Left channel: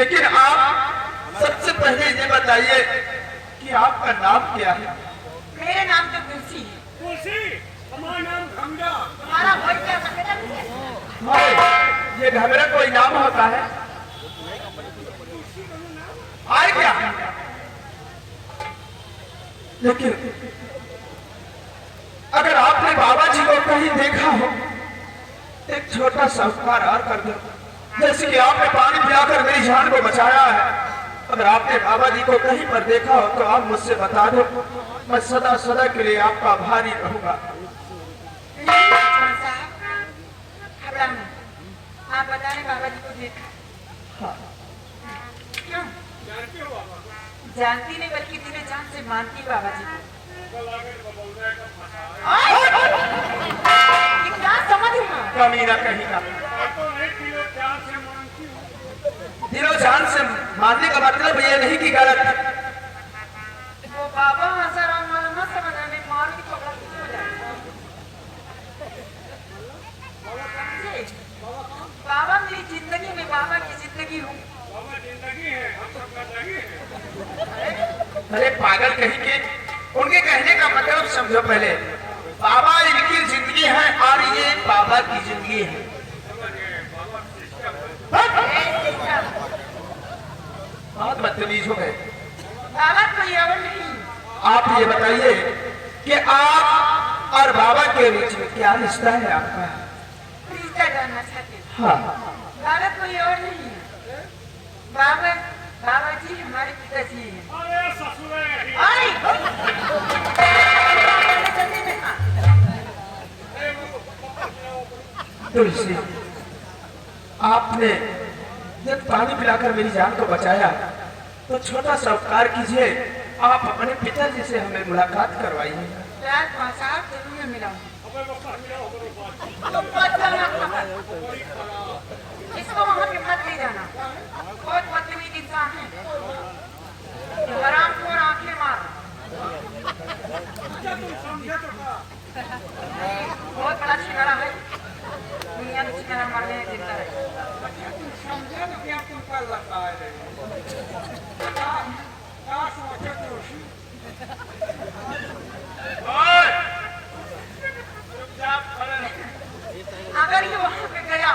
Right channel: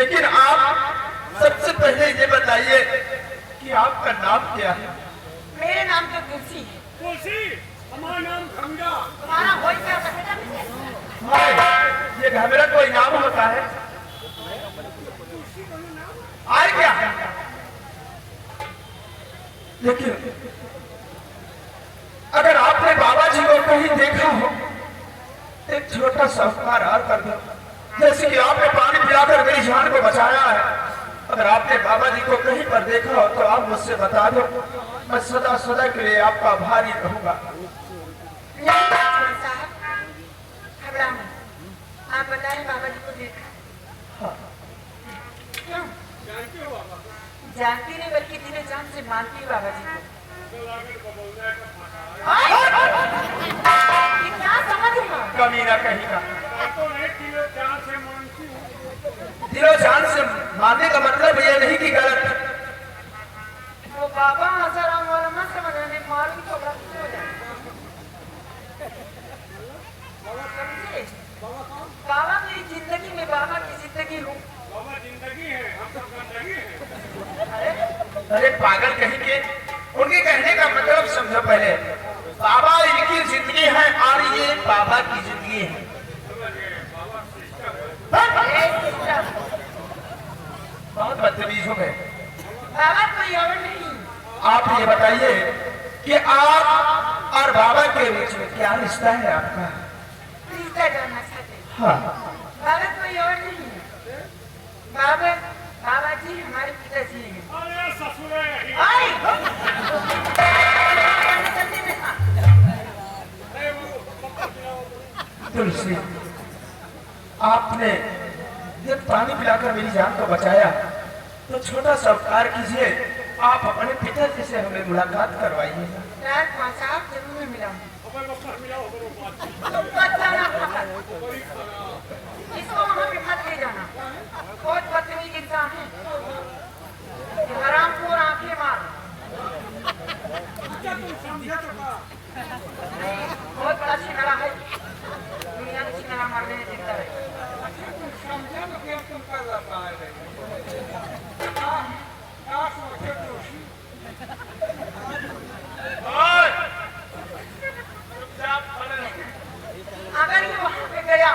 लेकिन आप सबसे पहले ये बताइए कि आपका नाम क्या है? मेरे नाम तो तुलसी। तुलसी, हमारा नाम गंगा। हमारा कोई क्या सकता ये घबरा कोई नाम होता है? आए क्या? लेकिन अगर आपने बाबा जी को कहीं देखा हो, एक छोटा सा उपकार कर दो, जैसे कि आपने पानी पिलाकर मेरी जान को बचाया है। अगर आपने बाबा जी को कहीं पर देखा हो तो आप मुझसे बता दो, मैं सदा सदा के लिए आपका आभारी रहूंगा। आप बताएं बाबा जी को देखा? क्यों जानते हो बाबा को? जानती नहीं बल्कि दिले जान से मानती बाबा जी को। ये क्या समझ रही हो? कमी ना कहीं का तो नहीं, दिलो जान से मानती हूँ। दिलो जान से मानने का मतलब ये नहीं कि गलत। वो बाबा आसाराम वाला मत समझने, मारूंगी तो गलती हो जाएगी। बाबा कौन? बाबा मेरी जिंदगी में बाबा की जिंदगी हूँ। बाबा जिंदगी है, हम सब गंदगी है। अरे पागल कहीं के, उनके कहने का मतलब समझो पहले। बाबा इनकी जिंदगी है और ये बाबा की जिंदगी है। बहुत बदतमीज हो गए। बाबा कोई और नहीं। आप ये बताइए कि आप और बाबा के बीच में क्या रिश्ता है आपका? रिश्ता करना चाहते हैं। हाँ, बाबा कोई और नहीं है। बाबा बाबा जी हमारे पिताजी हैं। अरे ससुर है यही। आई! अरे बाबा, पापा खिलाओ। तुलसी, आपने जब पानी पिलाकर मेरी जान को बचाया तो छोटा सा उपकार कीजिए, आप अपने पिताजी से हमें मुलाकात करवाइए। रात 5-8 जरूर में मिला। अबे पापा मिलाओ करो बात। तुम मत जाना। बड़ी खराब। इसको वहाँ पे मत ले जाना। बहुत बदतमीज इंसान है। हराम को आंखें मार। अच्छा तुम समझे तो का? बहुत बड़ा शिकारा है। नियम शिकारा मारने देता है। तुम समझे तो क्या तुम कर रहा है? क्या सोचे तुलसी? अगर ये वहाँ पे गया,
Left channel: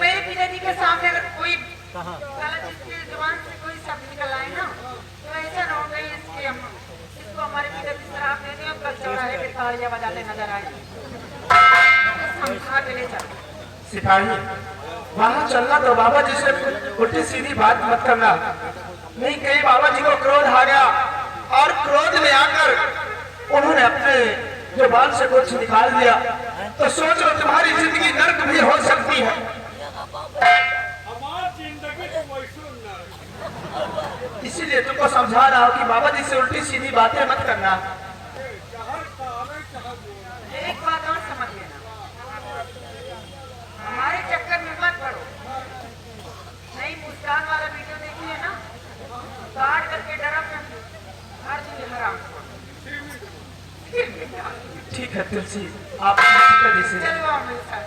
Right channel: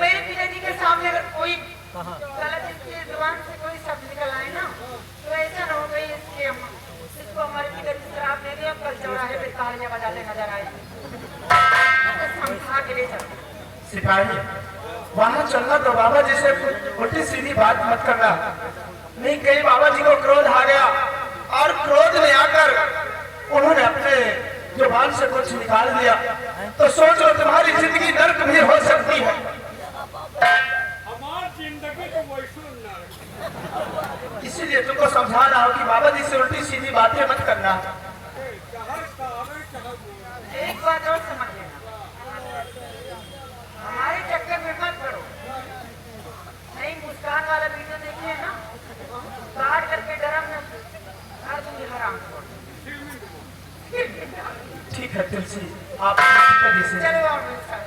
मेरे पिताजी के सामने अगर कोई गलत इसके जुबान से कोई शब्द निकल आए ना, तो ऐसा ना हो गई इसको हमारे पिताजी शराब देते हैं, कल चौराहे पे तालियां बजाते नजर आए। समझा के ले जाओ। सिपाही, वहाँ चलना तो बाबा जी से उल्टी सीधी बात मत करना। नहीं कहीं बाबा जी को क्रोध आ गया और क्रोध में आकर उन्होंने अपने जुबान से कुछ निकाल दिया तो सोचो तुम्हारी जिंदगी नर्क भी हो सकती है। हमारी जिंदगी तो वैसे ना। इसीलिए तुमको समझाना हो कि बाबा जी से उल्टी सीधी बातें मत करना। चाहे सारे चाहे बोल। एक बात और समझ लेना, हमारे चक्कर में मत पड़ो। नई मुस्कान वाला वीडियो देखिए ना, काट करके डरा कर हर चीज हराम। ठीक है तुलसी, आप पिताजी से चलो आओ मेरे साथ।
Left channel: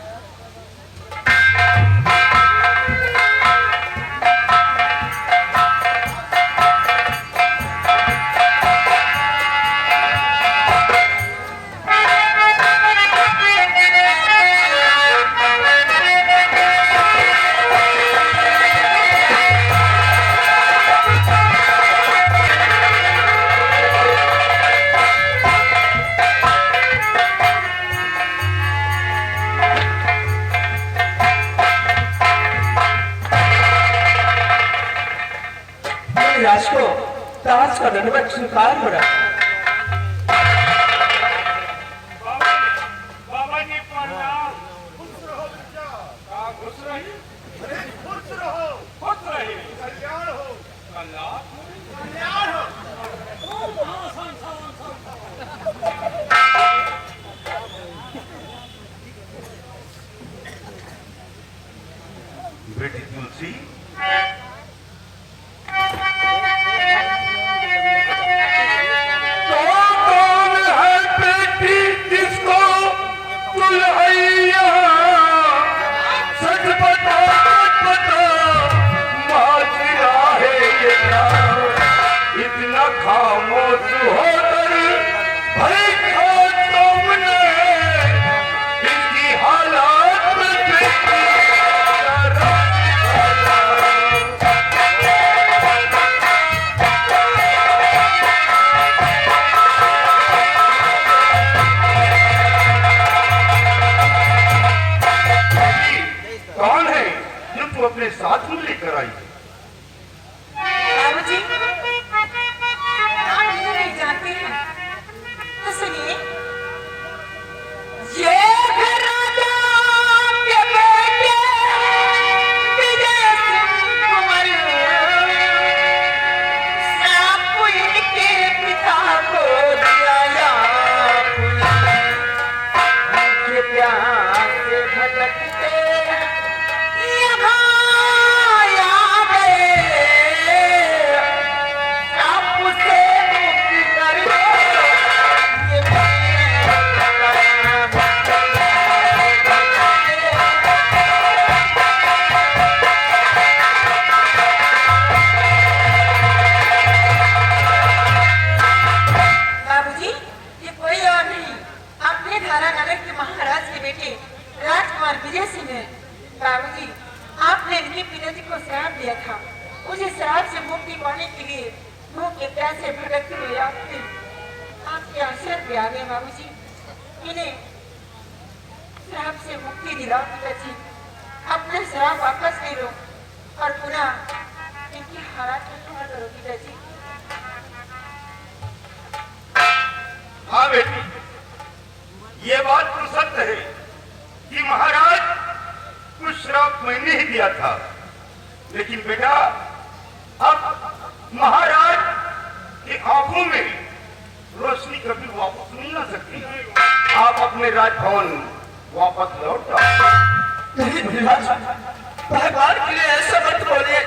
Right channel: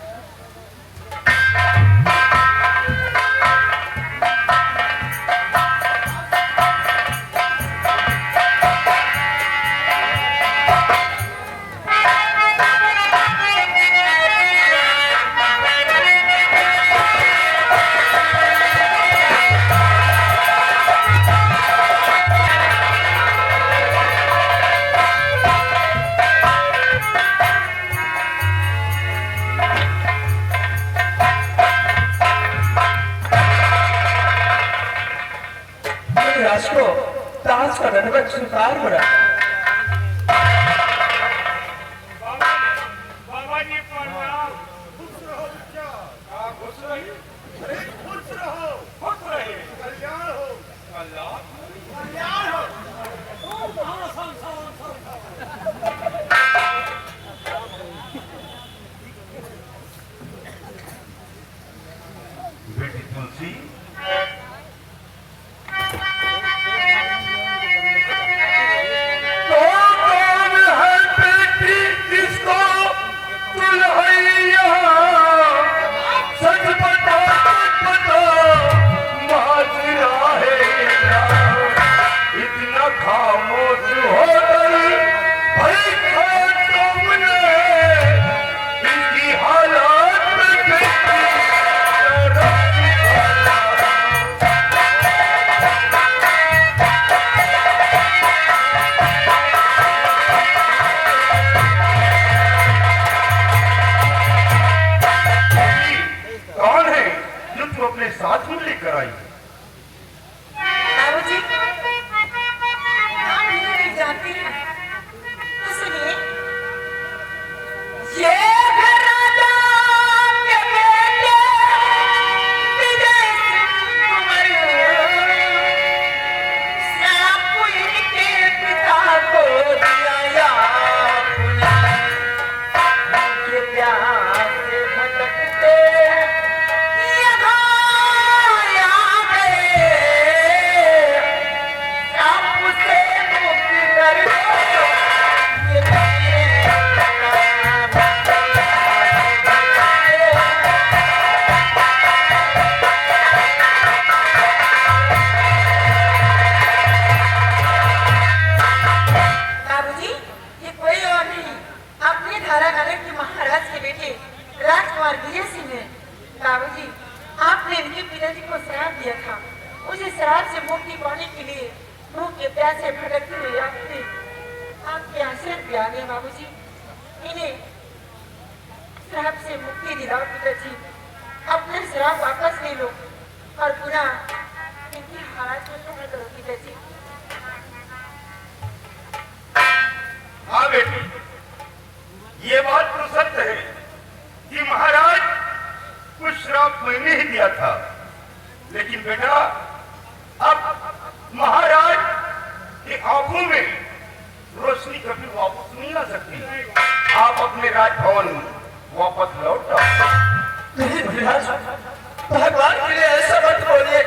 राज को ताज का दंडवत स्वीकार हो रहा। बाबा जी प्रणाम। खुश रहो बच्चा। खुश रही। अरे खुश रहो। खुश रहे। कल्याण हो। कल्याण हो। हाँ संसार। बेटी तुलसी, मुक्ति दिलाओ पिताजी, अपने शराब वापस ले लो और पुनः इनकी हालत में क्या करो पिताजी। हाँ बेटी, ये बात तो सत्य है कि महाराज कुछ श्राप मैंने ही दिया था, लेकिन बेटा अब महाराज की आंखों में रोशनी कभी वापस नहीं आ सकती। आप अपने राजभवन वापस लौट आओ। नहीं महाराज, भगवान के लिए ऐसा मत बोलिए।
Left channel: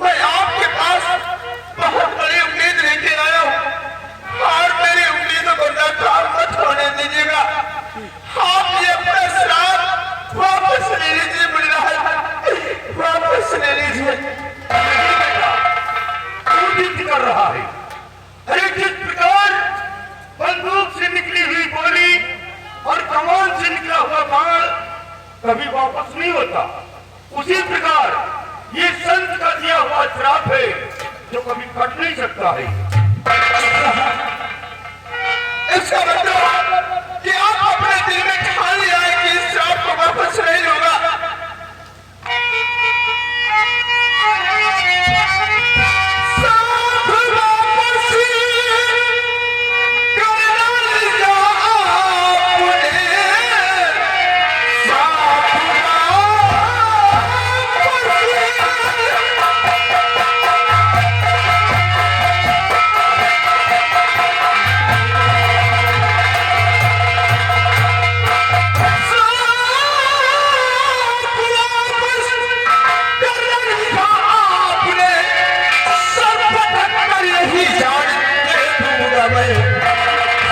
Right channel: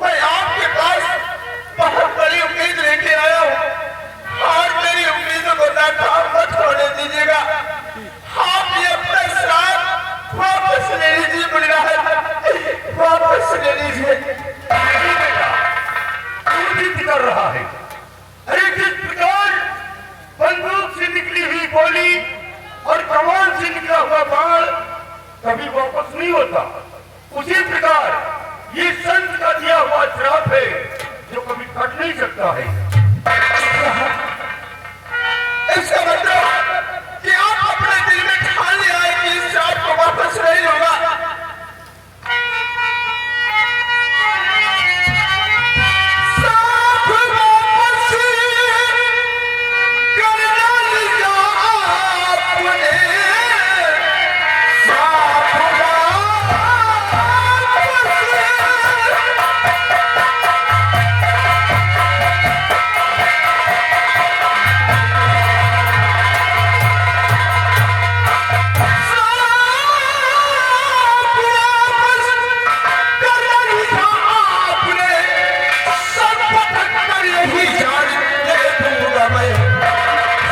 मैं आपके पास बहुत बड़ी उम्मीद लेके आया हूँ और मेरी उम्मीदों को नाकाम मत होने दीजिएगा। आप ये अपना श्राप वापस ले लीजिए महाराज, वापस ले लीजिए। नहीं बेटा, तू जिद कर रहा है। अरे जिस प्रकार बंदूक से निकली हुई गोली और कमान से निकला हुआ बाण कभी वापस नहीं होता, उसी प्रकार ये संत का दिया हुआ श्राप है जो कभी कट नहीं सकता है। इसका मतलब कि आप अपने दिल में ठान लिया है कि इस श्राप को वापस नहीं होगा।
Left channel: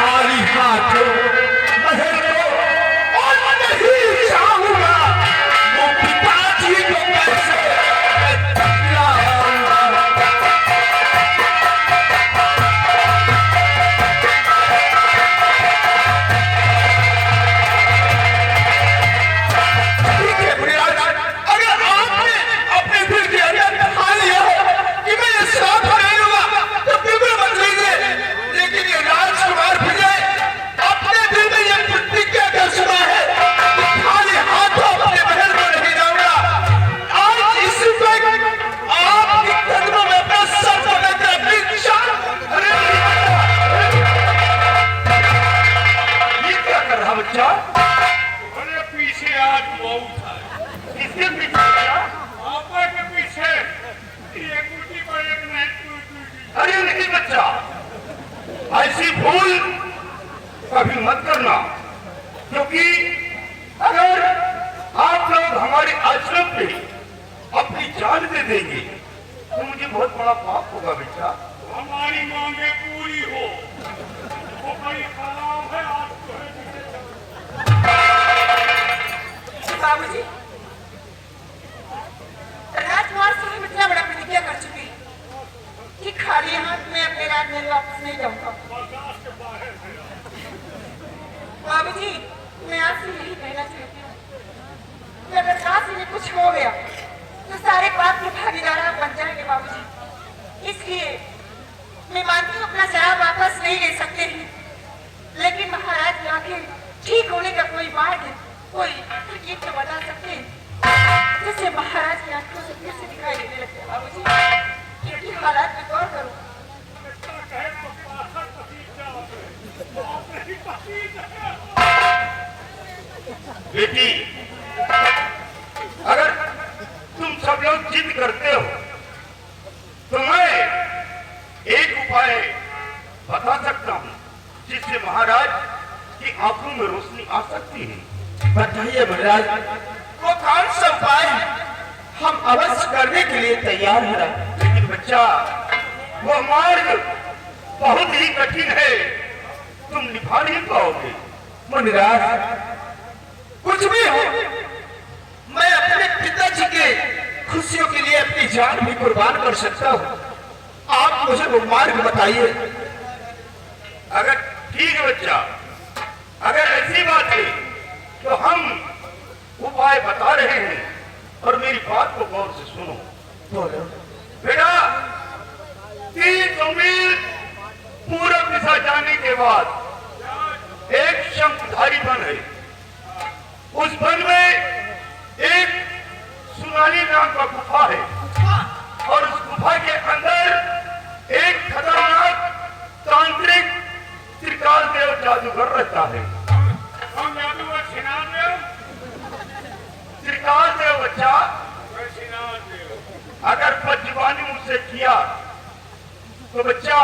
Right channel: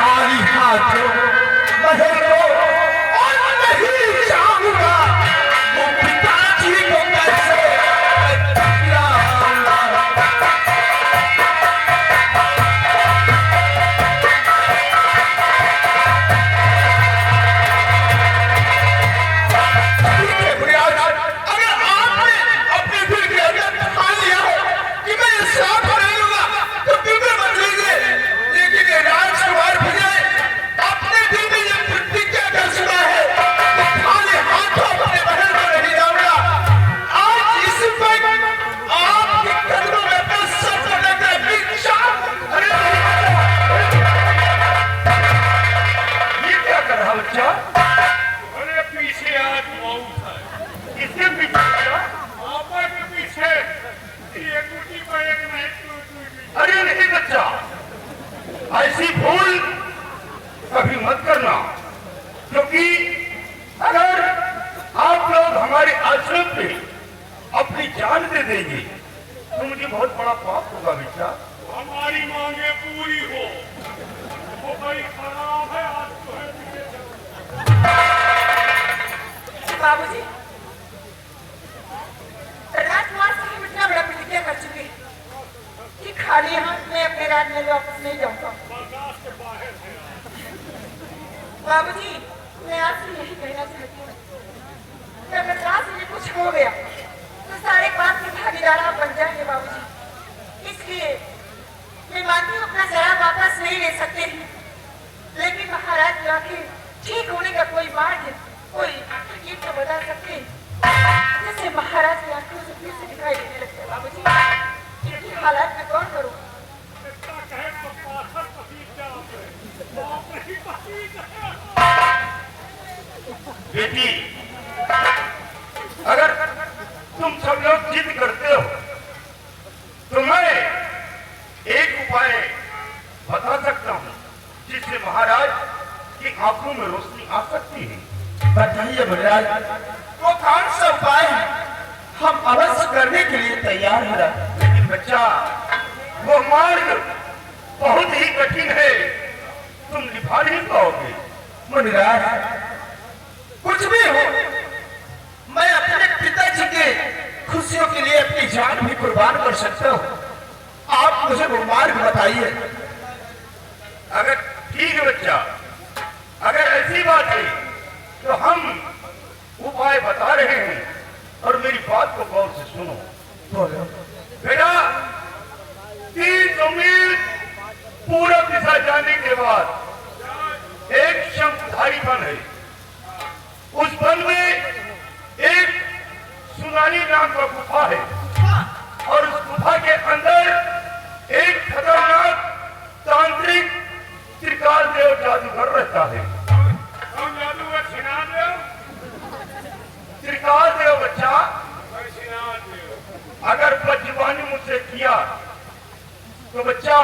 खाली हाथों महल को और नहीं चाहूंगा वो पिताजी को कैसे अरे नहीं बच्चा, ऐसी भूल कभी मत करना, क्योंकि अगर आप लोग हमारे आश्रम पे अपनी जान दे देंगे तो मुझे बहुत बड़ा पाप होगा बेटा। हमारी मांगे पूरी हो वो भाई हराम है, आज तो है पीछे चलो। बाबूजी, राजकुमार से हम इतना बड़ा प्रतिज्ञा कर चुके हैं कि खाली हाथ में अपने राज में वापस नहीं जाऊंगा। बर्दाश्त के बाहर है। बाबूजी, मैं आपसे यही कहना चाहती हूँ कि अगर काशी में कुछ हो गया तो सारे पाप के भागीदार आप बन जाएंगे बाबूजी। इसलिए मैं मानती हूँ अपना शराब वापस नहीं ले सकते हैं, लेकिन महाराज जाके ठीक होने का कोई मार्ग है, कोई तरकीब तो बता सकते हैं जिससे महाराज की आंखों से फिर से दिखाई देने लगता है बाबूजी। क्योंकि महाराज मैं कौन करूँ? कहे तो पाथर पसीज बेटी, अगर तुम सब लोग जिद करते हो तो मैं एक उपाय बता सकता हूँ जिससे महाराज की आंखों में रोशनी आ सकती है। बताइए महाराज, वो कौन सा उपाय है? हम अवश्य करने के लिए तैयार हैं। लेकिन बच्चा, वो मार्ग बहुत ही कठिन है, तुम निभा नहीं पाओगे। महाराज, कुछ भी हो, मैं अपने पिताजी के खुशियों के लिए अपनी जान भी कुर्बान कर सकता हूँ। आप मुझे वो मार्ग बताइए। अगर ठीक है बच्चा, अगर ऐसी बात है तो हम उपाय बता रहे हैं और मेरी बात को गौर से सुनो। बेटा, 300 मील पूरब दिशा जाने के बाद एक शंखधारी वन है, उस वन में एक सुनानी नाम का गुफा है और उस गुफा के अंदर एक खतरनाक तांत्रिक त्रिकाल देव जादूगर रहता है। कौन जादूगर? श्रीनाथ देव? त्रिकाल देव बच्चा, श्रीनाथ देव। अगर बदजुबानी मुझसे किया तो बच्चा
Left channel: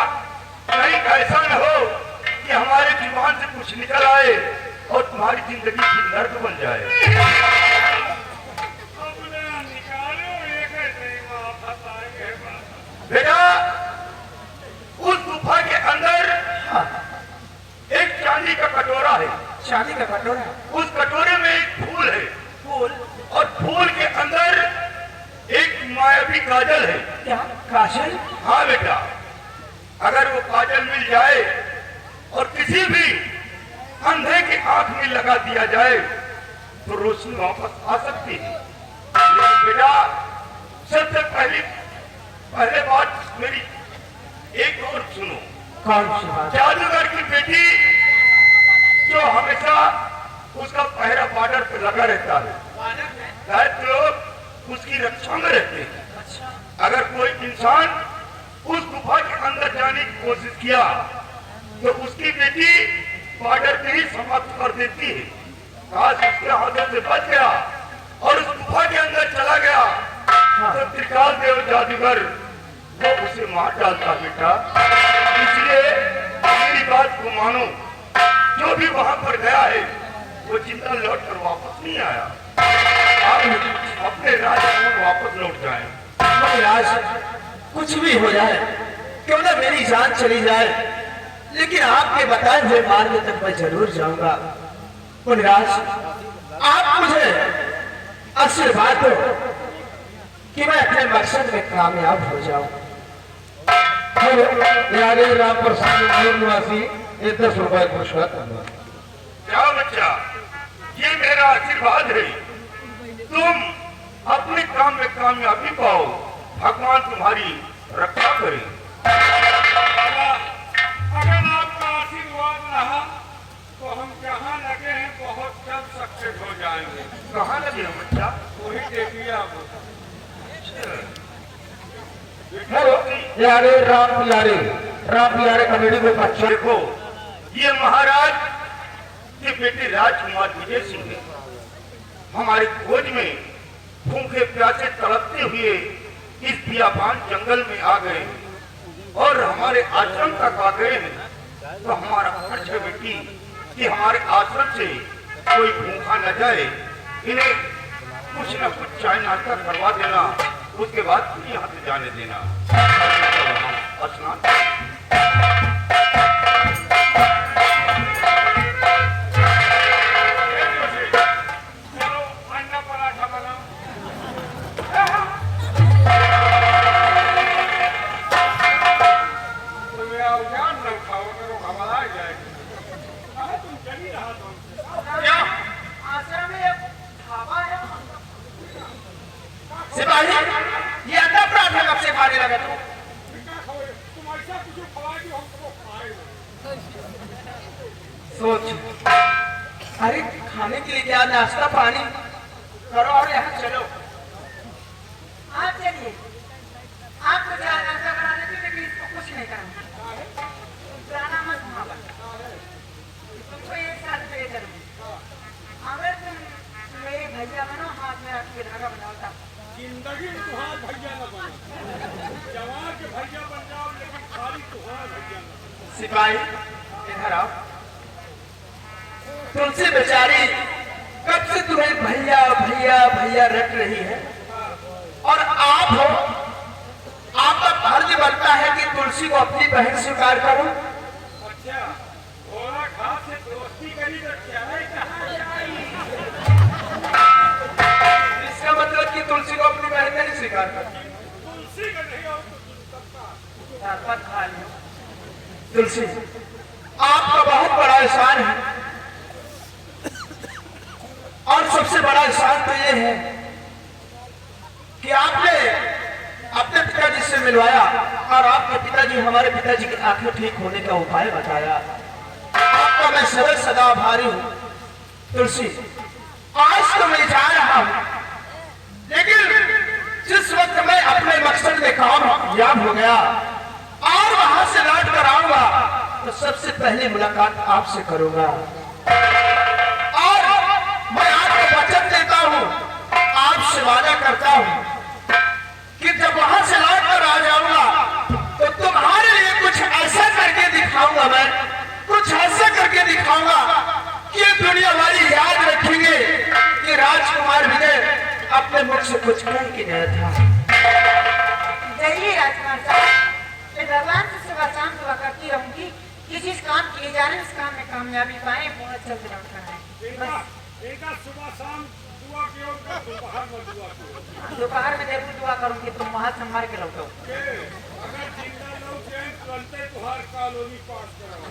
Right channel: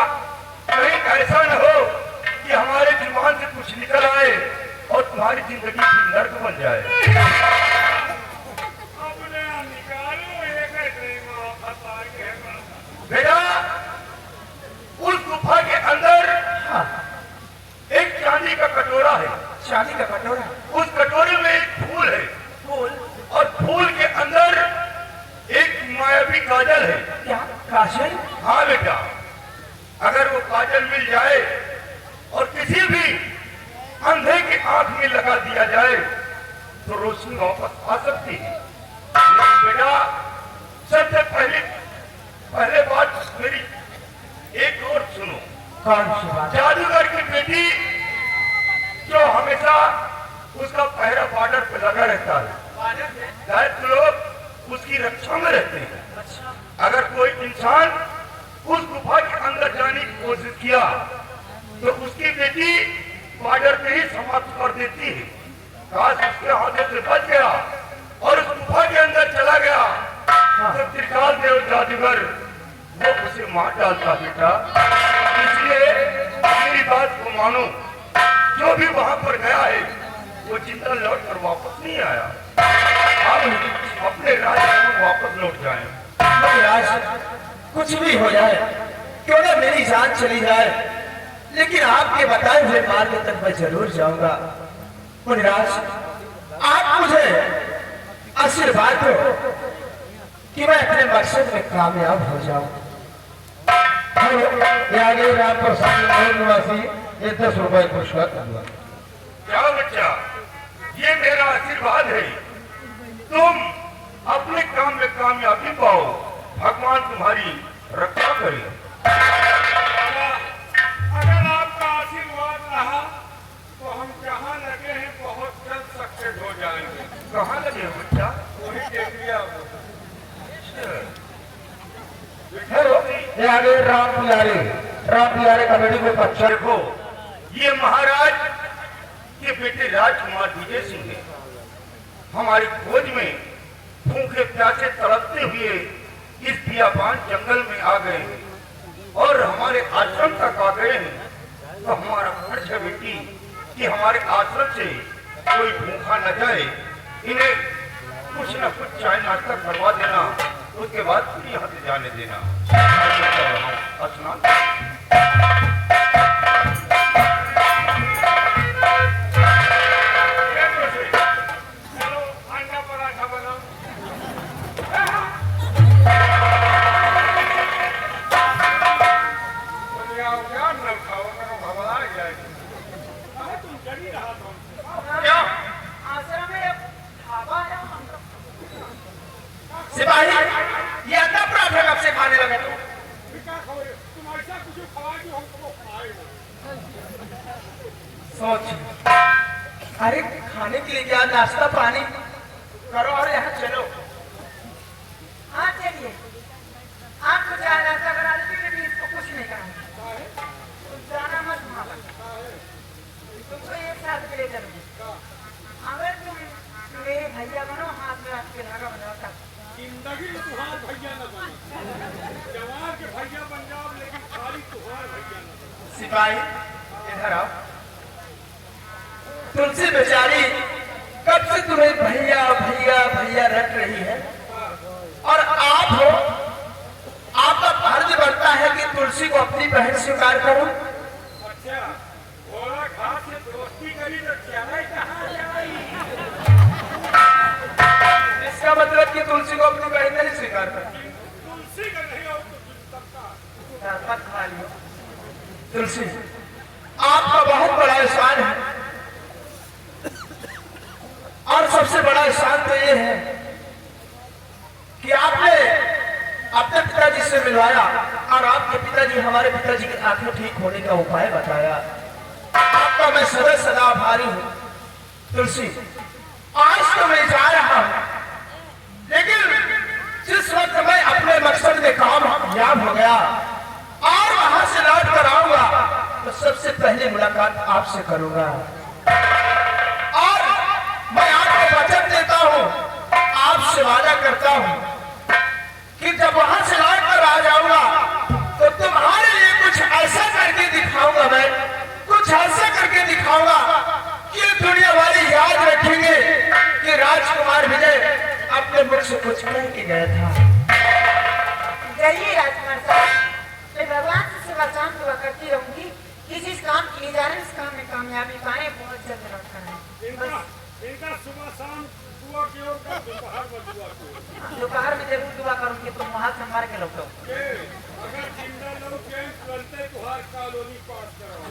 कहीं ऐसा न हो कि हमारे जुबान से कुछ निकल आए और तुम्हारी जिंदगी की नर्क बन जाए। अपने निकालो एक ऐसे ही वापस आएंगे। बेटा, उस गुफा के अंदर एक चांदी का कटोरा है। शादी का कटोरा? उस कटोरे में एक फूल है, फूल? और फूल के अंदर एक मायावी काजल है। क्या काजल? हाँ बेटा, अगर वो काजल मिल जाए और किसी भी अंधे की आंख में लगा दिया जाए तो रोशनी वापस आ सकती है। लेकिन बेटा, सबसे पहले बात मेरी एक और सुनो। कौन सी बात? जादूगर की बेटी जो हमेशा उसका पहरा बॉर्डर पर लगा रहता है, दायित्व लोग उसकी रक्षा में रहते हैं। अगर कोई इंसान उस गुफा के अंदर जाने की कोशिश किया तो उसकी बेटी बॉर्डर पे ही समाप्त कर देती है। काश उसके हाथों से बच गया और उस गुफा के अंदर चला गया तो त्रिकाल देव जादूगर वो उसे मार डालता बेटा। इसलिए मेरी बात को मानो, जो भी वहां पर गया है वो जिंदा लौट कर वापस नहीं आया। आप अपने राज्य में वापस लौट जाएं। मैं राज, कुछ भी हो जाए, क्यों ना मेरी जान चली जाए, लेकिन आपके बताए हुए मार्ग तक मैं जरूर जाऊंगा। मुनिराज, आप मुझे आशीर्वाद दो कि मैं अपने मकसद में कामयाब हो जाऊं। राम प्रसाद निवासी ये 10 रुपए पुरस्कार करना। जाओ बच्चा, ये मेरा आशीर्वाद है। तुम अपने काम में कामयाबी पाओ, भगवान तुम्हारी रक्षा करे। अगर आपका आशीर्वाद रहा तो हम जहाँ लगे हैं बहुत जल्द सक्सेस हो जाएंगे। कहाँ लगे हो बच्चा? वही दे दिया। यारे राम प्यारे कमेटी को अच्छा देखो, ये महाराज के बेटे राजकुमार विजय सिंह है। हमारी खोज में भूखे प्यासे तड़पते हुए इस बियाबान जंगल में आ गए और हमारे आश्रम तक आ गए हैं। तो हमारा फर्ज है बेटी कि हमारे आश्रम से कोई भूखा न जाए। इन्हें कुछ न कुछ चाय नाश्ता करवा देना, उसके बाद फिर यहाँ से जाने देना। स्नान अंडा पराठा बनाओ। तुम यार जान न खाओ करो, हवा आ जाएगी। कहाँ तुम चली रहा था हमसे? आश्रम में एक ढाबा है। सिपाही, ये अंडा पराठा कब से खाने लगा तू? क्या खाओ? तुम ऐसा कुछ खवाए जो हम कबो खाए ना। सोच, अरे खाने के लिए क्या, नाश्ता पानी करो और यहाँ चलो। आप चलिए, आपको चाय नाश्ता करा देती, लेकिन इसको कुछ नहीं करना। जाना मत वहाँ। तुमको 1 साल पे करेंगे। अगर तुम मेरे भैया बनो, हाथ में आपके लगा बनाता। जिंदगी में तुहार भैया न बनो। जवान के भैया बन जाओ, लेकिन खाली तुहार भैया न बनो। सिपाही, इधर आओ। तुलसी बेचारी कब से तुम्हें भैया भैया भैया रख रही है, और आप हो, आपका फर्ज बनता है कि तुलसी को अपनी बहन स्वीकार करूं। अच्छा, घोड़ा घास से दोस्ती करी तो चाय कहाँ से आई? इसका मतलब कि तुलसी को अपनी बहन नहीं स्वीकार कर। तुलसी का नहीं हो तो सबका। तुलसी, आपका बहुत बड़ा एहसान है, और सबसे बड़ा एहसान तो ये है कि आपने अपने पिताजी से मिलवाया और आपके पिताजी हमारे पिताजी की आंखें ठीक होने का उपाय बताया। आपका मैं सदा सदा आभारी हूँ। तुलसी, आज तो मैं जा रहा हूं, लेकिन जिस वक्त मैं अपने मकसद में कामयाब हो गया और वहां से लौट कर आऊंगा तो सबसे पहले मुलाकात आपसे करूंगा। और मैं आपको वचन देता हूं, आपसे वादा करता हूं कि जब वहां से लौट कर आ जाऊंगा तो तुम्हारे लिए कुछ ऐसा करके दिखाऊंगा, मैं कुछ ऐसा करके दिखाऊंगा कि दुनिया वाले याद रखेंगे कि राजकुमार विजय अपने मुख से कुछ कह के गया था। चलिए राजकुमार साहब, मैं भगवान से सुबह शाम दुआ करती रहूंगी कि जिस काम किए जा रहे हैं इस काम में कामयाबी पाए, बहुत जल्द लौट कर आए। इनका सुबह शाम दुआ कियो, उनका दोपहर में दुआ कियो। दोपहर में जरूर दुआ करूंगी, तुम वहां से मार के लौटो। अगर जिंदा लोग जाए तुरंत तुहार कॉलोनी पास कराओ।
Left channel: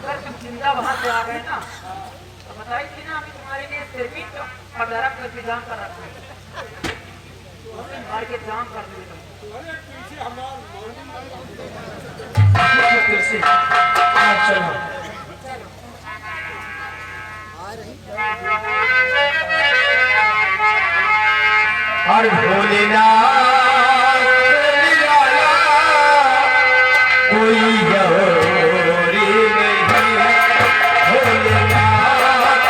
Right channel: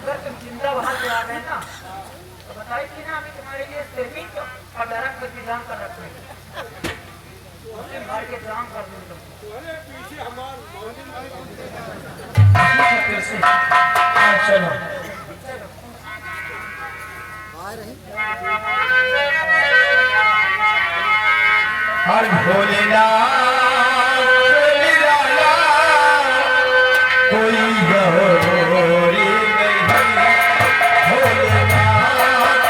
अगर तुम जिंदा वहां से आ गए ना तो बताई थी ना, अभी तुम्हारे लिए सिर्फ और दरख्त का इंतजाम कर रखो, तो हमें मार के जाम कर देंगे। तुम्हारे पीछे हमार मौली चलो हर भोलेनाथ निराला कोई गौरी नहीं, भोलेनाथ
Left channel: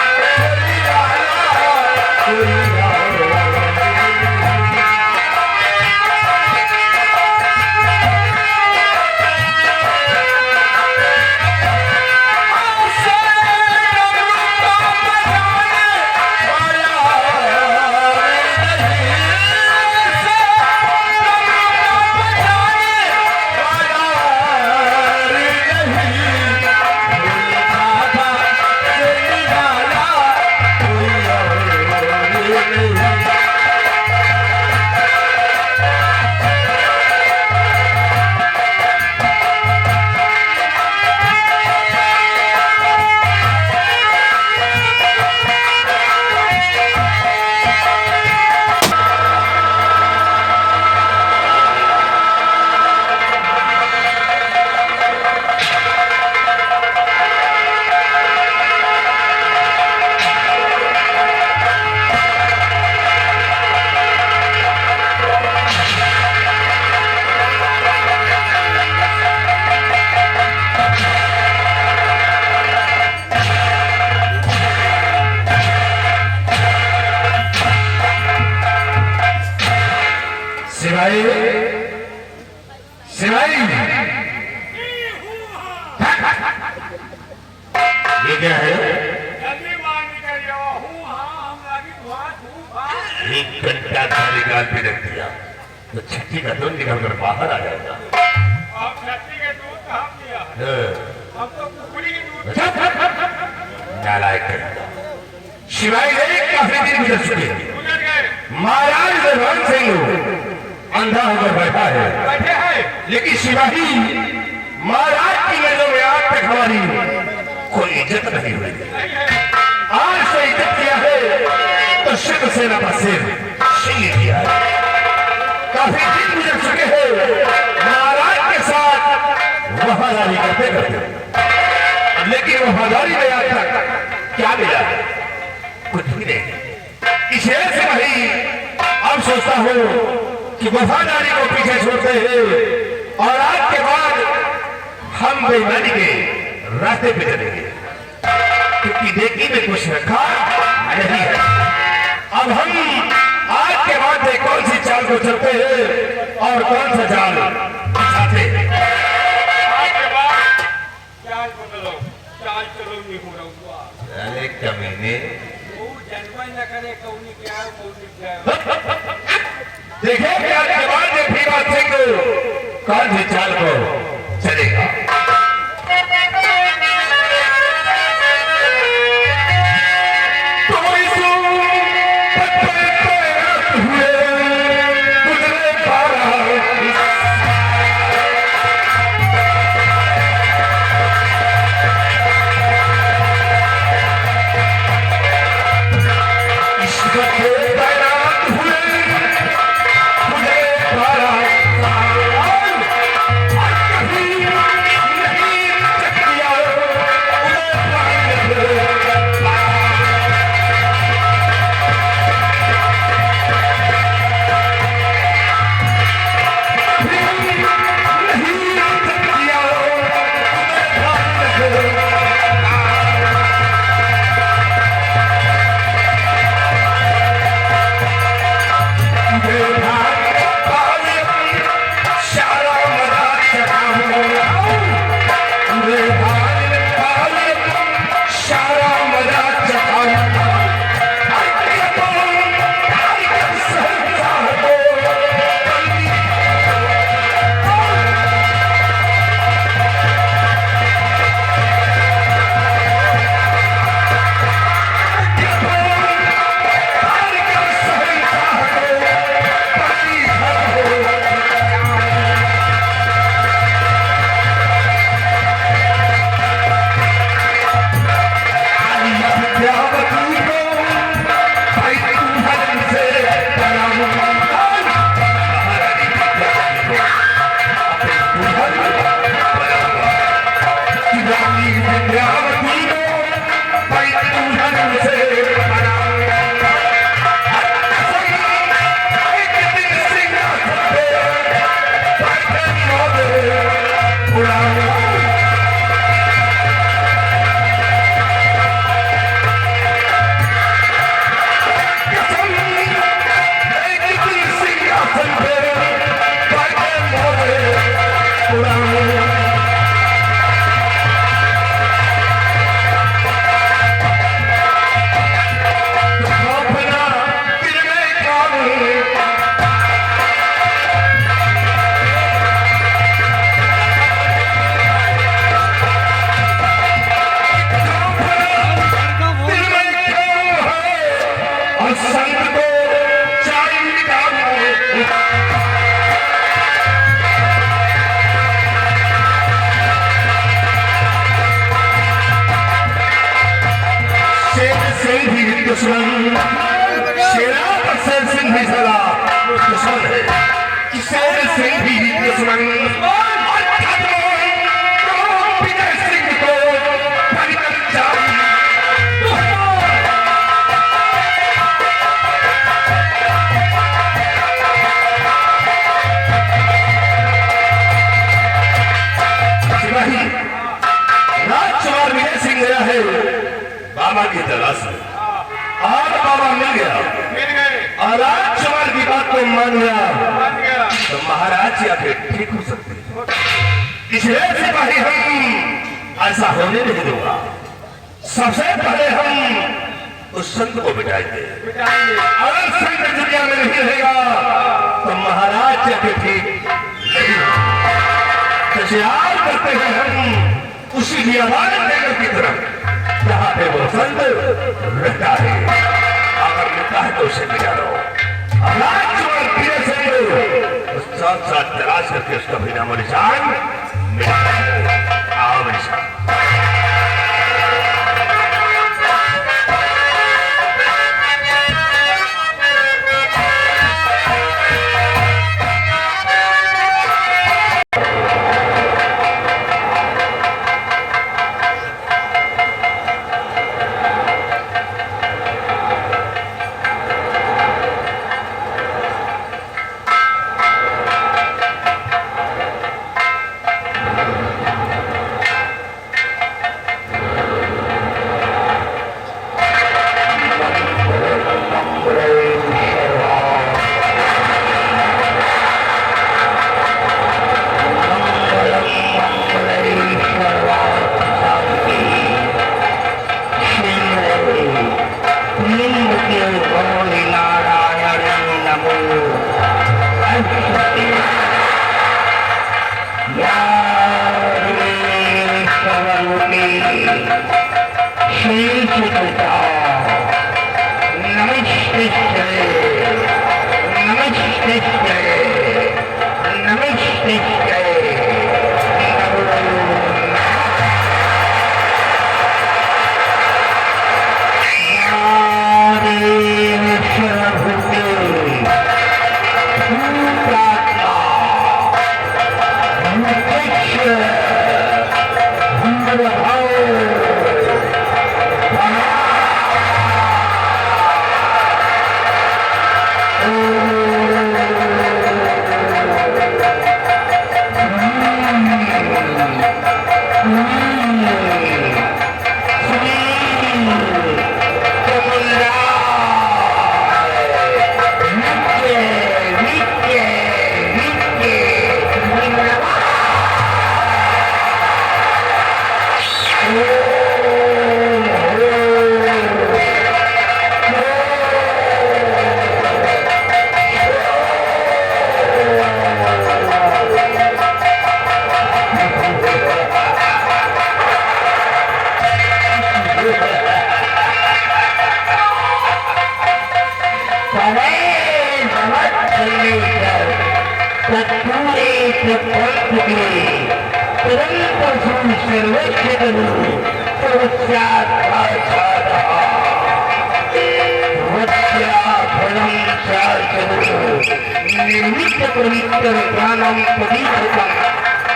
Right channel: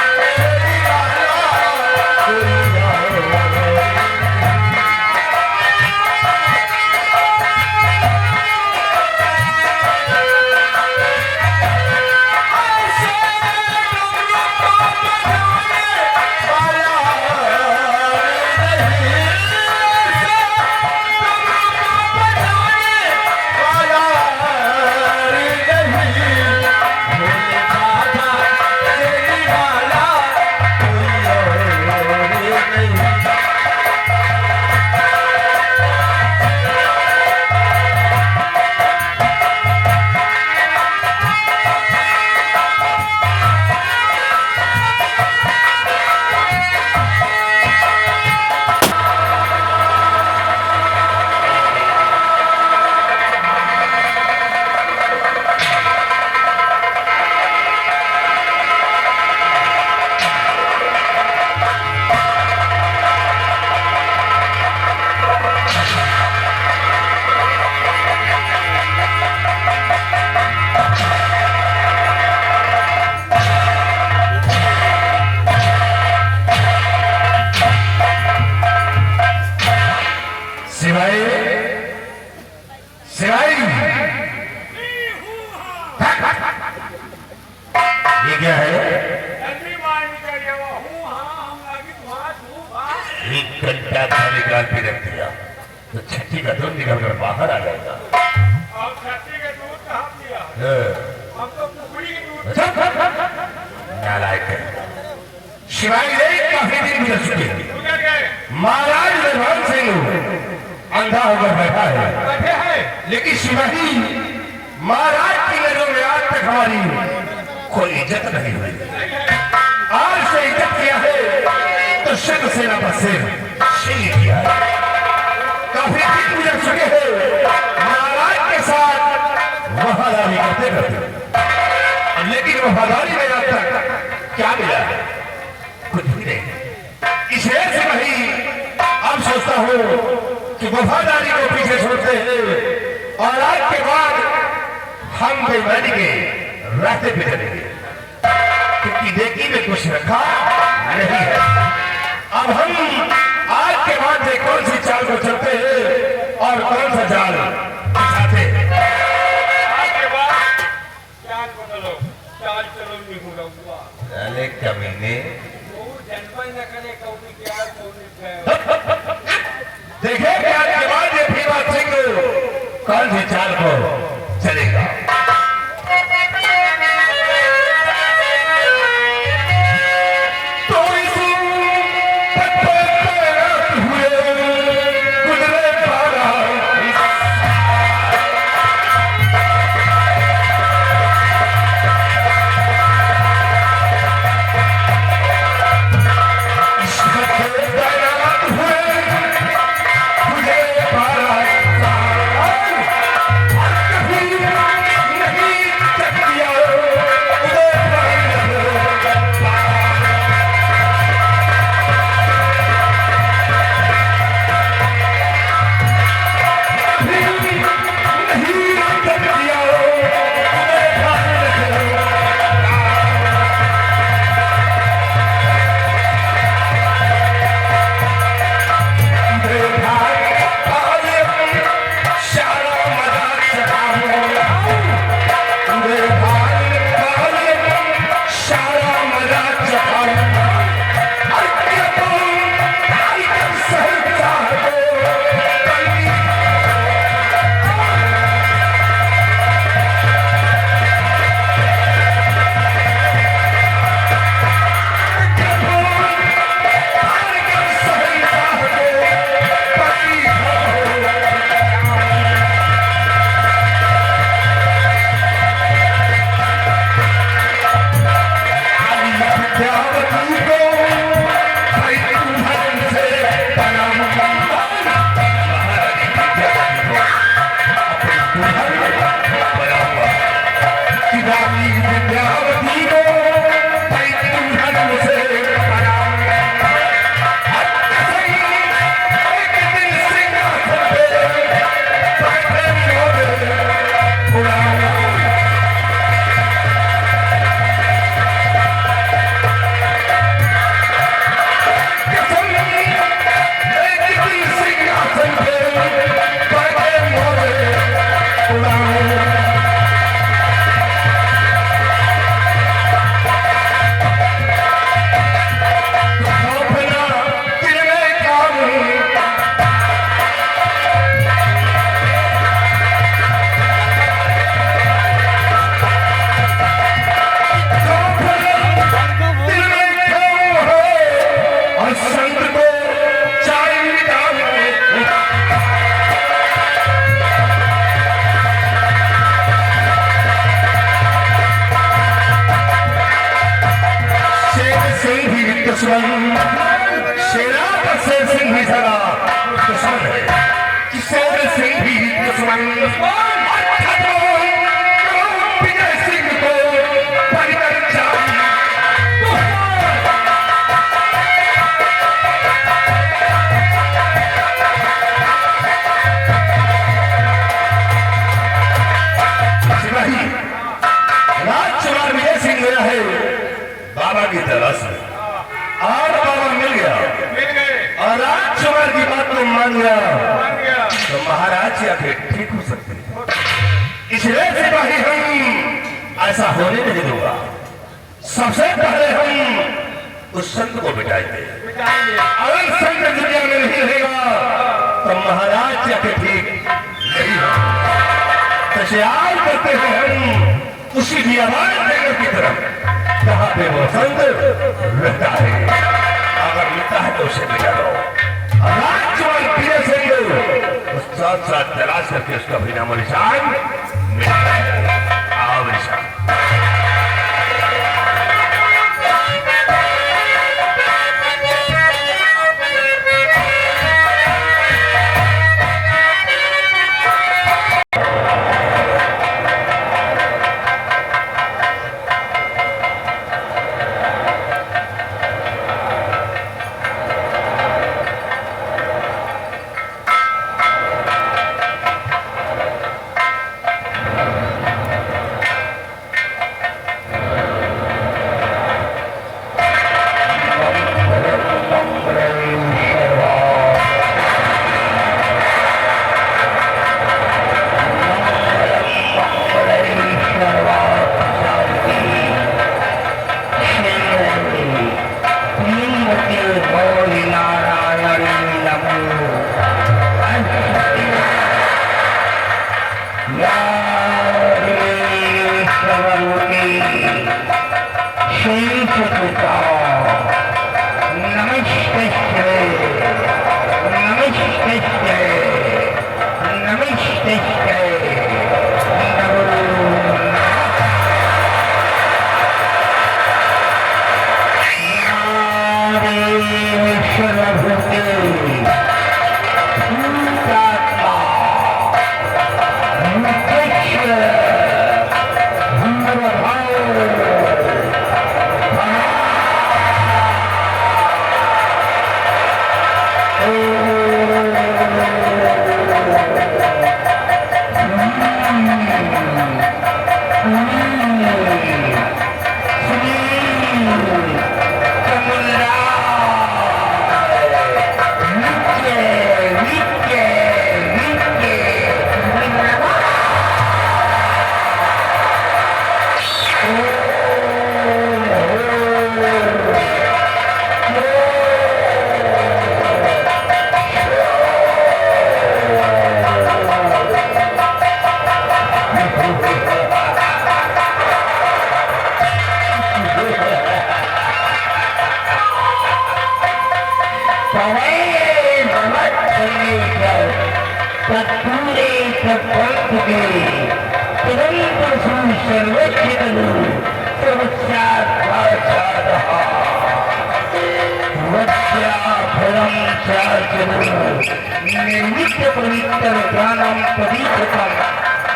निराला कोई गौरी सिवाई सिवाई ये क्या है? जल्दी बाहर निकल जाओ। हूँ हाँ हम लागी तुम्हारा हूँ बाहर। एक घंटा था निकाल के रख दिया तो छठी का दूध निकल कर बाहर आ जाएगा। अब छठी के दूध कहाँ दिया? अब तो कुकड़ी के दूध। नालायक है। शिवाई ने काफी दिन गुजर चुके हैं। महाराज भगवान सिंह अंधा होकर बैठा है, बैठे हैं लेकिन शिवाजी महाराज की नजरों में आज तक हमारी कोई इज्जत नहीं हुई। आज से इज्जत किया है तो शिव सेना का सिर शील किया है। काफी दिन गुजर चुके हैं महाराज के साथ वफादारी करते करते, लेकिन वफादारी में आज तक क्या मिला? कुछ भी नहीं। इसे से नहीं अब सोचता हूँ कि वफादारी को पीछे छोड़ते हैं और आज के बाद हम बेईमानी के रास्ते पे चलेंगे, क्योंकि नेकी में कुछ रखा नहीं है। अब हम आज के बाद में कौन सी चाल को चलते हैं और कौन सा जाल बिछाते हैं। आज के बाद चाल बदलो, चाल चलो नहीं हो रहा। अरे कमीने, जन्म न करे कौनी क्या कौनी क्या। देखिए क्या जवाब ये भीमा सिंह कौन सी चाल को चलेगा। हमारी विद्यावती को परितुलन से बाबा की तलाश में और बाबा मिल गया और राजकुमार की बात को मान गया तो महाराज या फिर ठीक हो सकते इसलिए सिपाही हम ऐसा होने नहीं दूंगा। सबसे पहले हम उस संत को बिठाएंगे। अगर संत दुनिया में नहीं रहेगा तो महाराज या फिर ठीक नहीं होगा। तैयार करते हैं हम उसी की आवाज देकर की तरफ जहाँ पे वो संत रहता है। अगर मिलता है तो उसे मिला लो। राजकुमार प्रिय संत साथ साथ तलाश करके उसका भी नाम निशान मिलता है। आओ निशान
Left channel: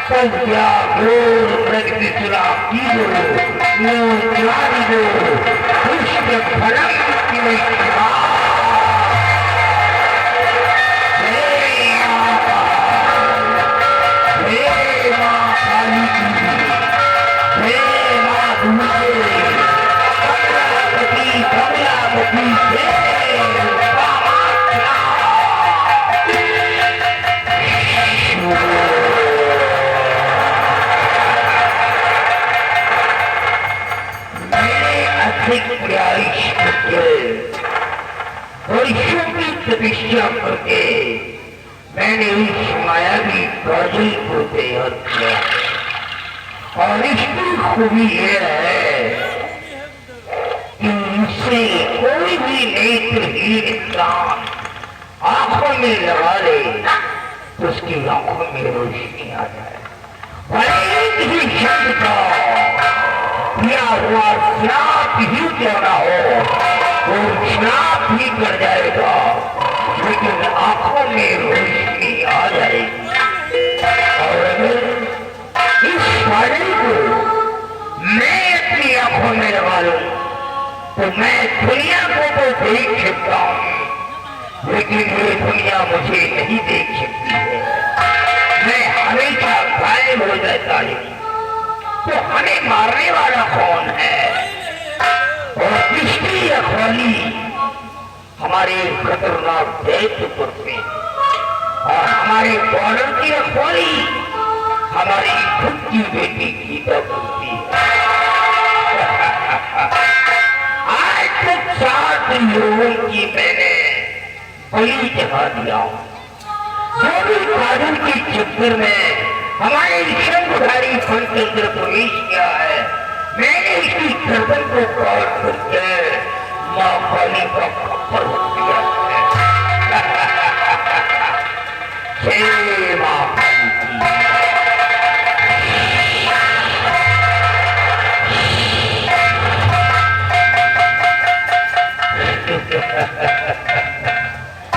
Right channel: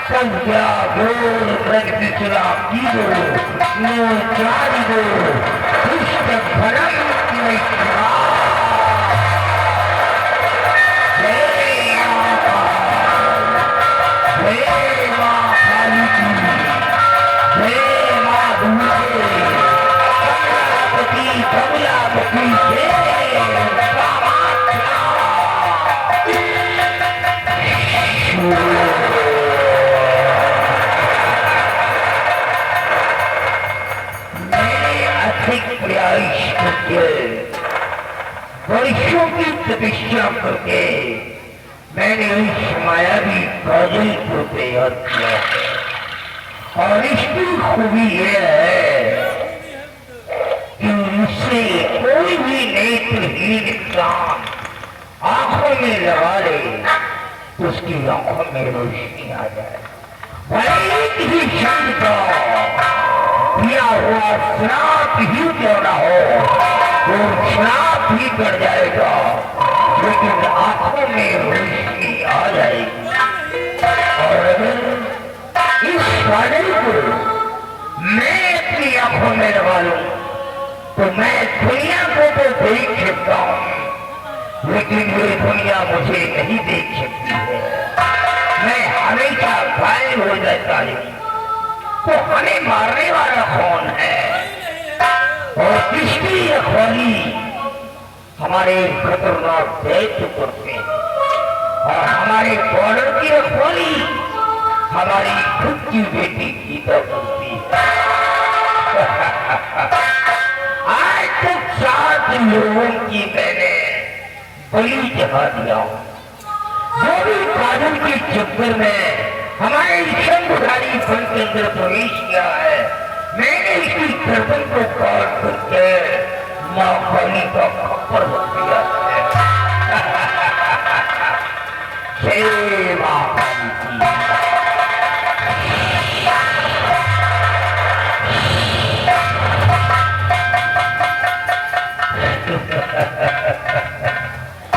Santiago, Rectitura, Vivo, Neutrario, Cristo, Parántimo, वर्षों की तपस्या करके मैंने इस मायावी काजल को तैयार किया और इसकी खूबी यह है कि इससे कोई भी नेत्रहीन इंसान आंखों में लगा ले तो उसकी आंखों में रोशनी आ जाए। भले ही शब्द का दिया हुआ श्राप ही क्यों ना हो, वो श्राप ही कर जाएगा, लेकिन आंखों में रोशनी आ जाएगी। और अगर इस काजल को मैं अपनी आंखों में लगा लूं तो मैं दुनिया को तो देख सकता हूं, लेकिन ये दुनिया मुझे नहीं देख सकती है। मैं हमेशा गायब हो जाता है। तो हमें मारने वाला कौन है और किसकी रखवाली हमारे खतरनाक दैत्य करते हैं? और हमारे बॉर्डर की रखवाली हमारी खुद की बेटी गीता करती है। आज तक 7 लोगों की मैंने बलि चढ़ा दिया। जो भी काजल के चक्कर में हमारे शंखधारी फल के अंदर प्रवेश किया है, मैंने इसकी गर्दन को काट करके मां काली का खप्पर रख दिया है। जय मां काली की।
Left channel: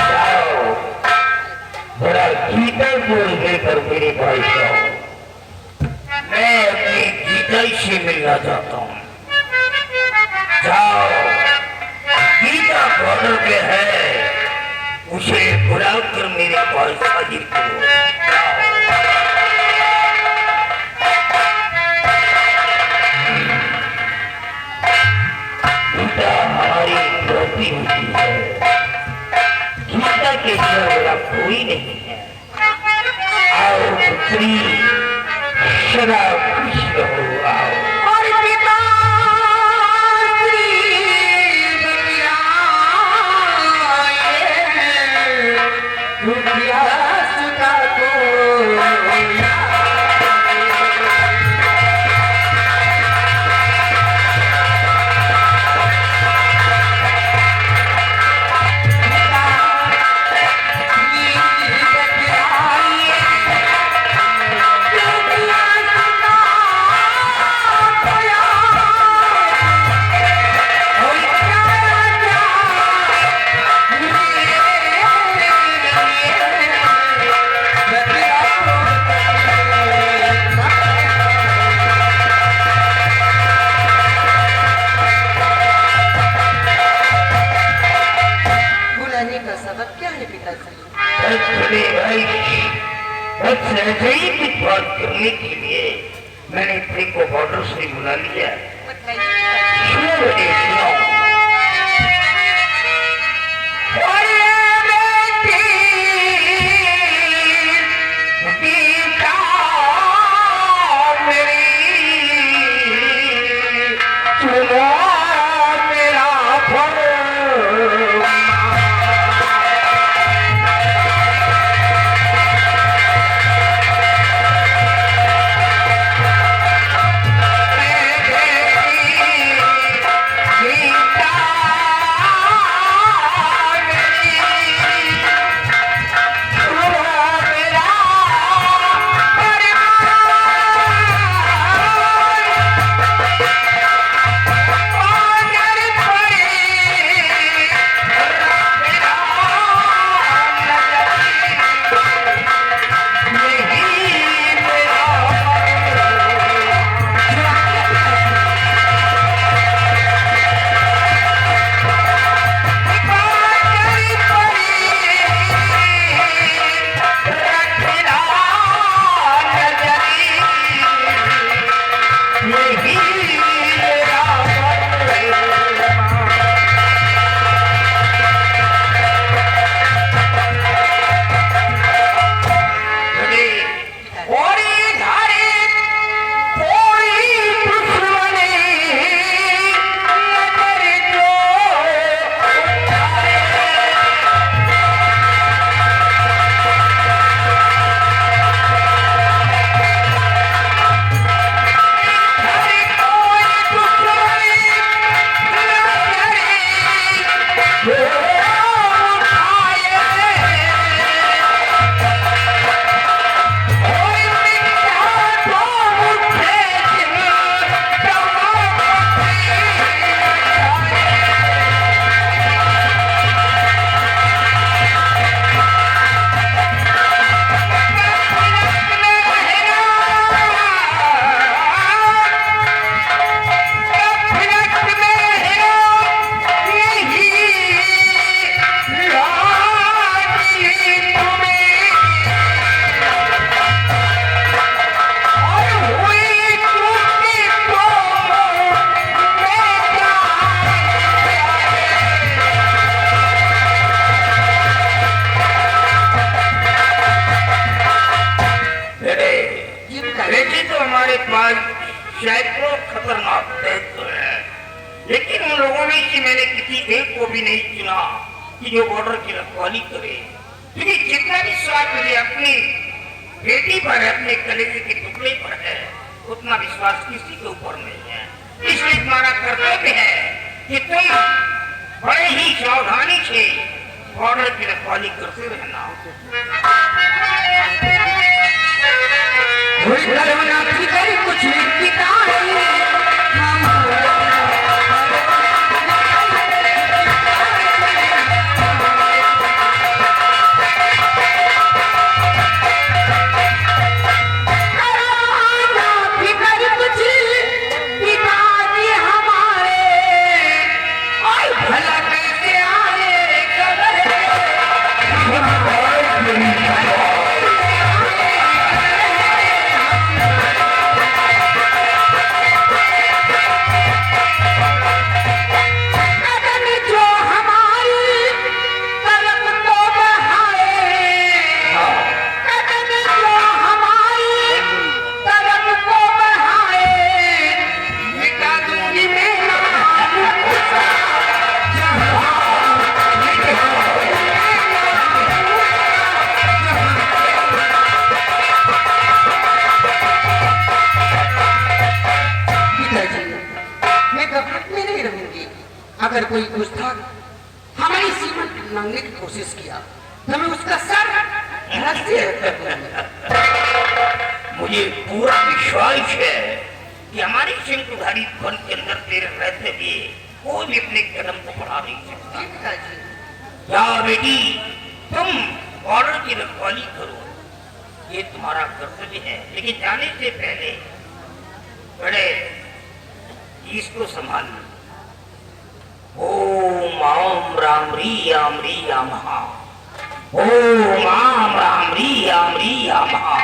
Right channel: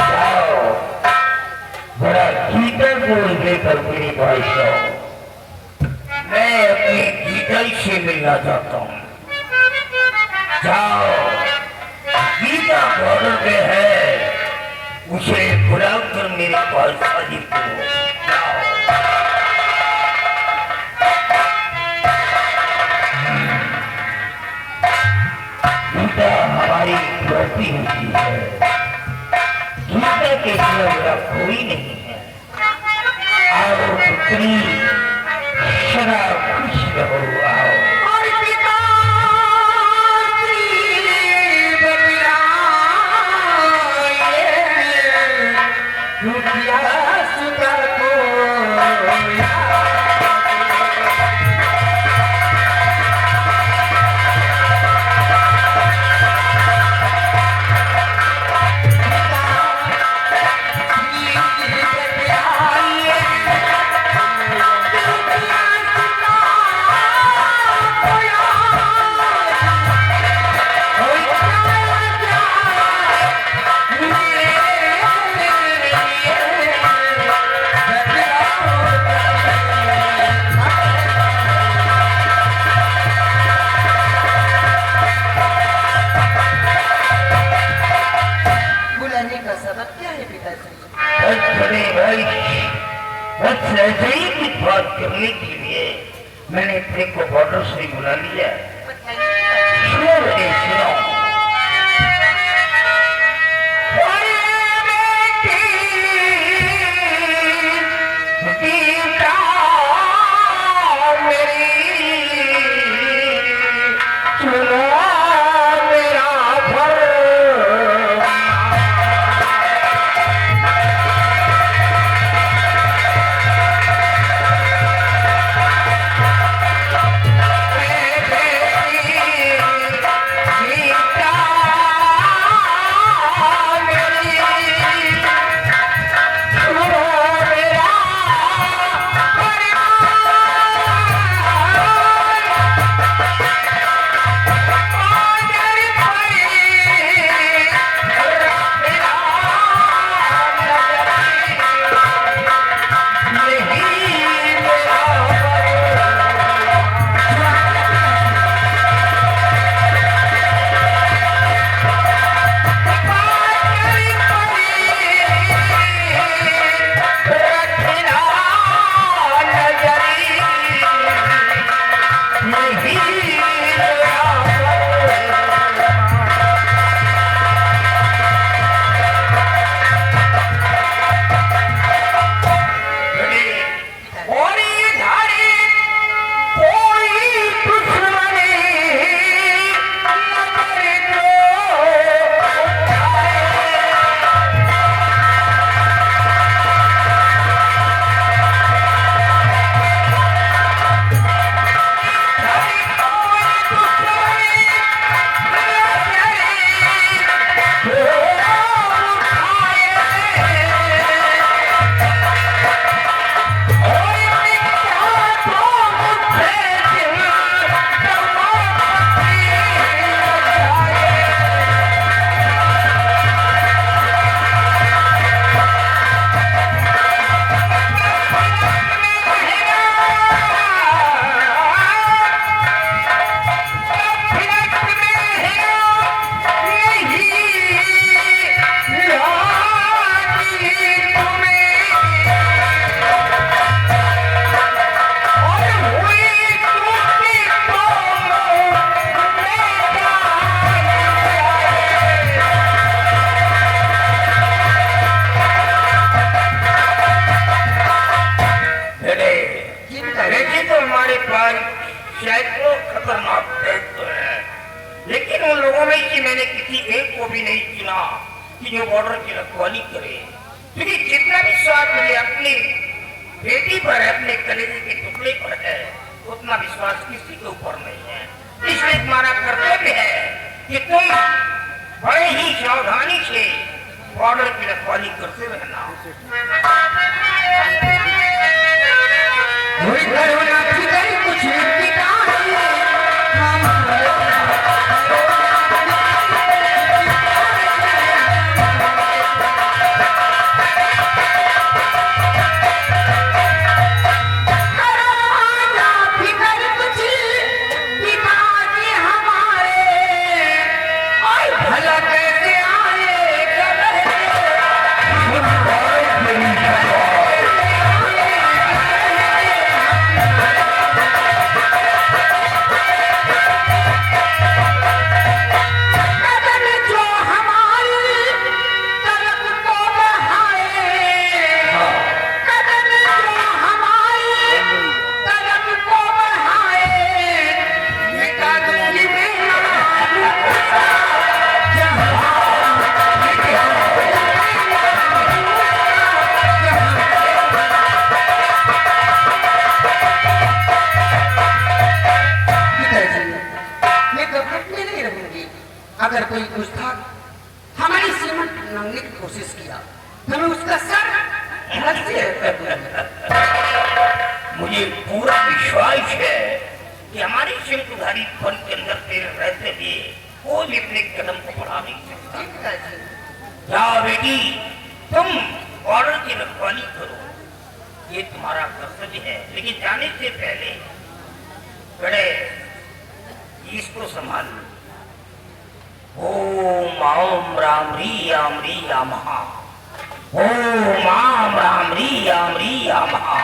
जाओ बड़ा गीता बोल देकर मेरे भाई साहब, मैं अपनी गीता से मिलना चाहता हूँ। जाओ, गीता बॉर्डर पे है, उसे बुलाकर मेरे पास हाजिर करो। जाओ। गीता हमारी प्रति होती है, गीता के सिवा कोई नहीं है। आओ पुत्री, सदा खुश रहो। आओ। और पिता रुपया सुता को बुलाने का सबब क्या है पिताजी? बस ऐसे ही कुछ बात करने के लिए मैंने अपने को बॉर्डर से बुला लिया। सुनो बेटे, सुनो। Hey, hey, सैकड़ों खतरनाक दैत्य हैं, लेकिन उन लोगों में से मैंने किसी एक को भी नहीं चुना कि जो बॉर्डर की रखवाली करे। क्योंकि जितना विश्वास मुझे अपनी बेटी पर, अपने कलेजे के टुकड़े पर है, उतना विश्वास किसी के ऊपर नहीं है। इसलिए तुम्हारा कर्तव्य है कि तुम बड़े ही सावधानी से बॉर्डर की रखवाली करते रहना। कुछ अगर कोई गुस्ताख हमारी सीमा लांघने की कोशिश किया तो हमें उसका सर मुझे पूरा विश्वास है कि हमारी सिंहधारी वन के अंदर तेरे रहते भी कोई भी अपने कदम को बढ़ा नहीं सकता। जाओ बेटी, तुम बॉर्डर की रखवाली करो, ये तुम्हारा कर्तव्य है। लेकिन जाने से पहले बड़े इसको संभाल। ओम आम राम री आम महा, ओम आम राम री आम महा,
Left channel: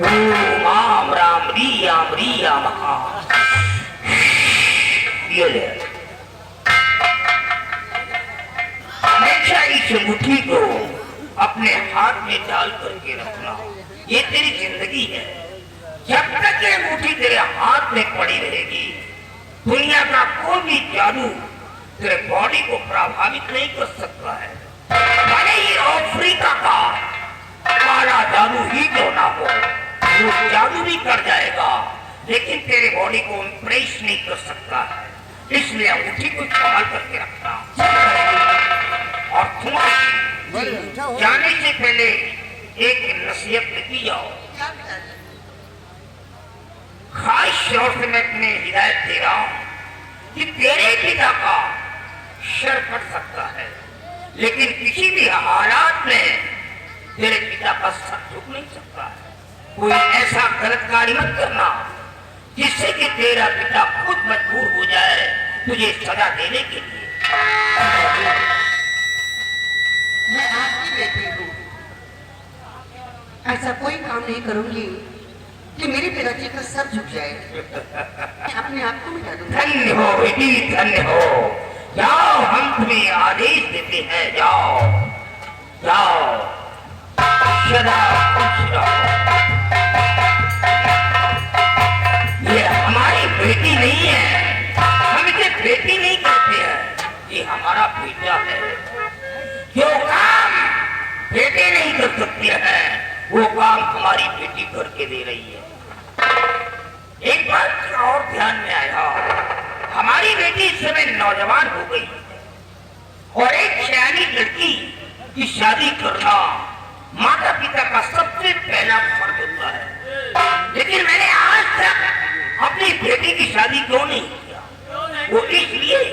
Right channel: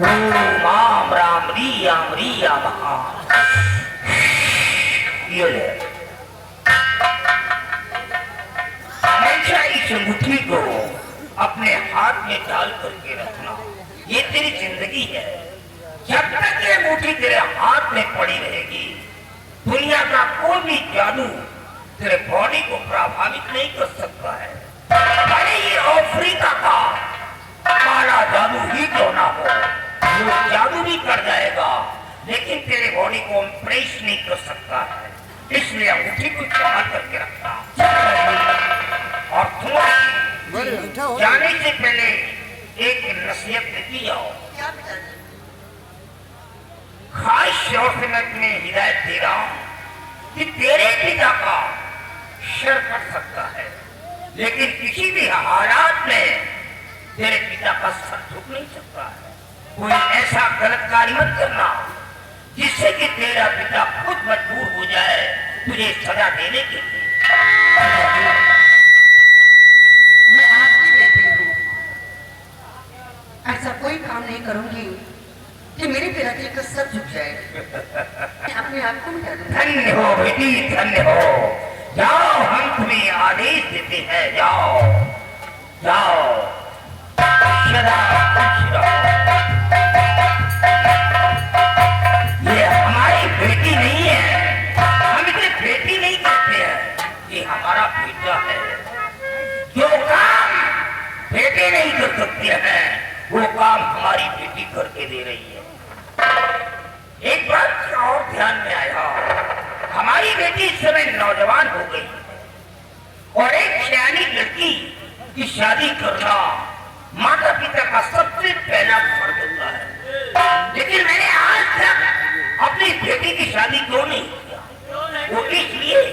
ओम आम राम री आम महा। ये ले, हमेशा इस मुट्ठी को अपने हाथ में डाल करके रखना, ये तेरी जिंदगी है। जब तक ये मुट्ठी तेरे हाथ में पड़ी रहेगी, दुनिया का कोई भी जादू तेरे बॉडी को प्रभावित नहीं कर सकता है। अरे ये अफ्रीका का काला जादू ही क्यों ना हो, वो जादू भी कर जाएगा, लेकिन तेरे बॉडी को इम्प्रेस नहीं कर सकता है। इसलिए अंगूठी को संभाल करके रखना। और तुम जाने से पहले एक नसीहत लिखी जाओ। खास तौर से मैं तुम्हें हिदायत दे रहा हूं कि तेरे पिता का शर पड़ सकता है, लेकिन किसी भी हालात में तेरे पिता का सर झुक नहीं सकता है। कोई ऐसा गलत कार्य मत करना जिससे कि तेरा पिता खुद मजबूर हो जाए तुझे सजा देने के लिए। मैं आपकी बेटी हूँ, ऐसा कोई काम नहीं करूंगी कि मेरे पिताजी का सर झुक जाए। अपने आप को मिटा दूंगा। धन्य हो बेटी, धन्य हो। जाओ, हम तुम्हें आदेश देते हैं, जाओ जाओ। सदा खुश रहो। ये हमारी बेटी नहीं है, हम इसे बेटी नहीं करते हैं, ये हमारा बेटा है। जो काम बेटे नहीं कर सकते हैं वो काम हमारी बेटी करके दे रही है। एक बात और ध्यान में आया, हमारी बेटी इस समय नौजवान हो गई और एक सयानी लड़की की शादी करना माता पिता का सबसे पहला फर्ज होता है। लेकिन मैंने आज तक अपनी बेटी की शादी क्यों नहीं किया? वो इसलिए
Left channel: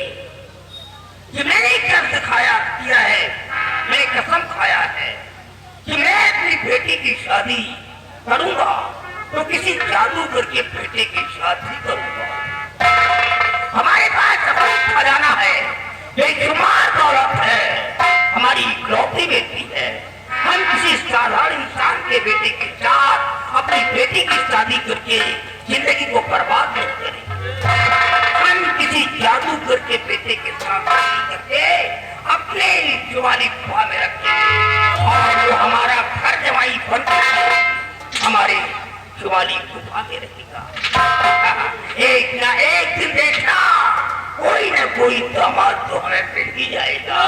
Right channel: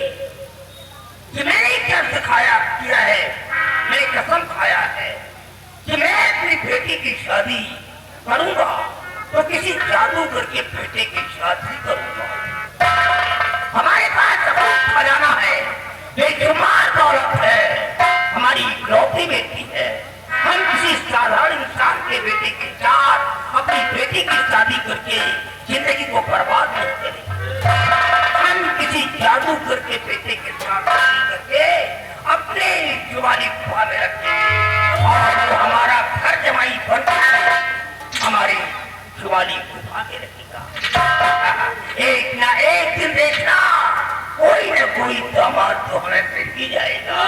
कि मैंने क्या सिखाया किया है, मैंने कसम खाया है कि मैं अपनी बेटी की शादी करूंगा तो किसी जादूगर के बेटे की शादी करूंगा। हमारे पास बहुत खजाना है, बेशुमार दौलत है, हमारी इकलौती बेटी है। हम किसी साधारण इंसान के बेटे के साथ अपनी बेटी की शादी करके जिंदगी को बर्बाद नहीं करेंगे। हम किसी जादूगर के बेटे के साथ शादी करके अपने जुआरी गुफा में रखें और वो हमारा घर जमाई बनकर हमारी जुआरी गुफा में रखेगा। एक ना एक दिन देखना कोई ना कोई दामाद तो हमें मिल ही जाएगा।